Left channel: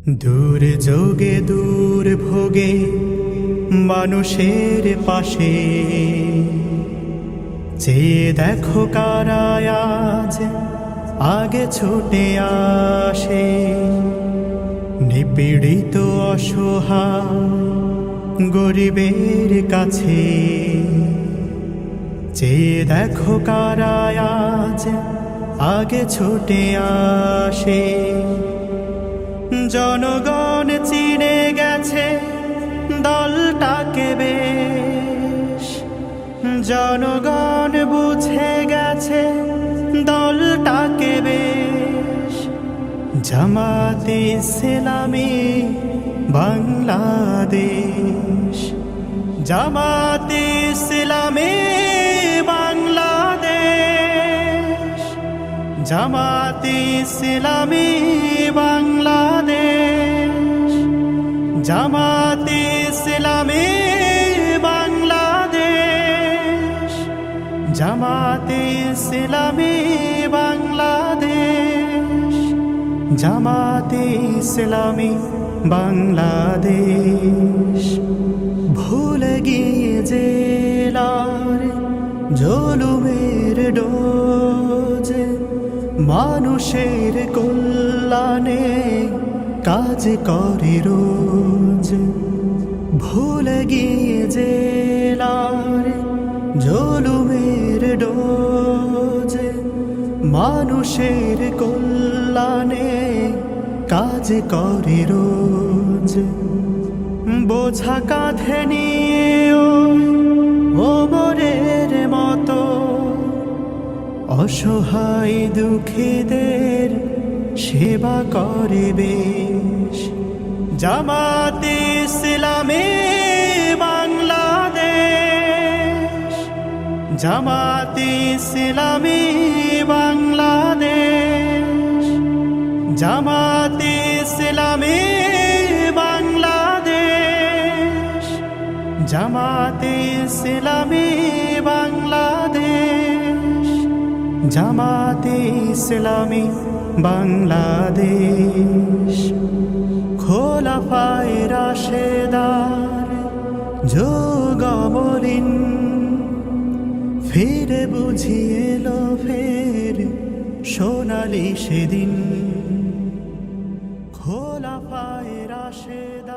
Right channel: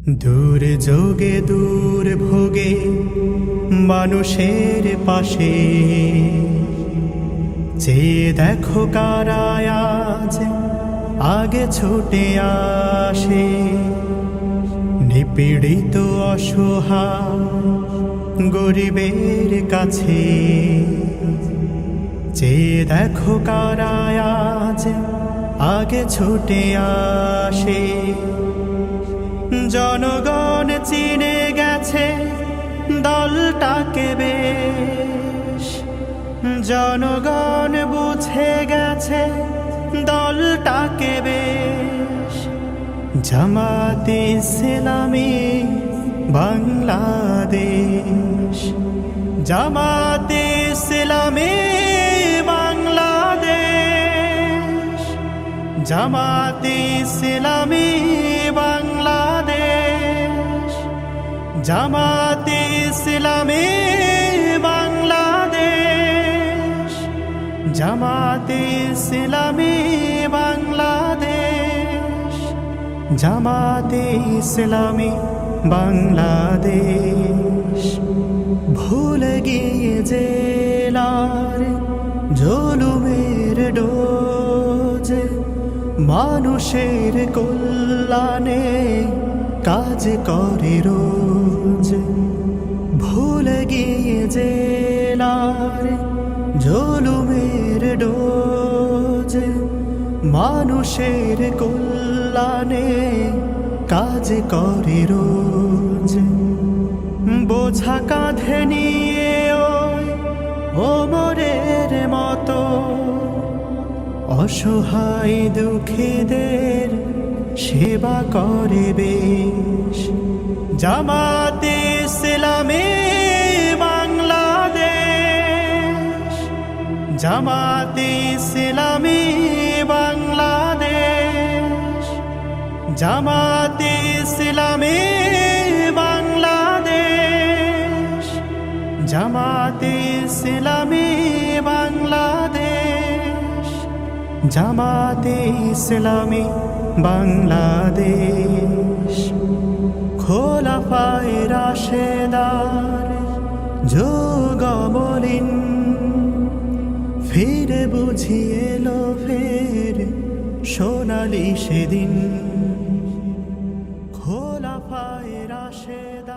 দূর যোগে দূর ভোগে মানুষের পাশে চেয়ে দেখো কারা আজ আগে ছুটে আসে। নিপীড়িত অসহায় গরিবের কাছে চেয়ে দেখো কারা আজ আগে ছুটে আসে। জনগণ চিনে গেছে দলটাকে বেশ, জনগণ বুঝে গেছে দলটাকে বেশ। জামাতে ইসলামী বাংলাদেশ, জামাতে ইসলামী বাংলাদেশ, জামাতে ইসলামী বাংলাদেশ, জামাতে ইসলামী বাংলাদেশ, জামাতে ইসলামী বাংলাদেশ, জামাতে ইসলামী বাংলাদেশ। ভুলে গিয়ে জেলার জুলুমের ডোজ, মানুষের কল্যাণে কাজ করে রোজ। ভুলে গিয়ে জেলার জুলুমের ডোজ, মানুষের কল্যাণে কাজ করে রোজ। বোঝা কাঁধে নিয়ে ওই ওমরের মতো অসহায় দুঃখীদের সেবা করে বেশ। জামাতে ইসলামী বাংলাদেশ, জামাতে ইসলামী বাংলাদেশ, জামাতে ইসলামী বাংলাদেশ, জামাতে ইসলামী বাংলাদেশ, জামাতে ইসলামী বাংলাদেশ। খোলাফায়ে রাশেদার যুগমলিন ফিরে বুঝিয়ে এলো ফের সোনালি সেদিন। খোলাফায়ে রাশেদার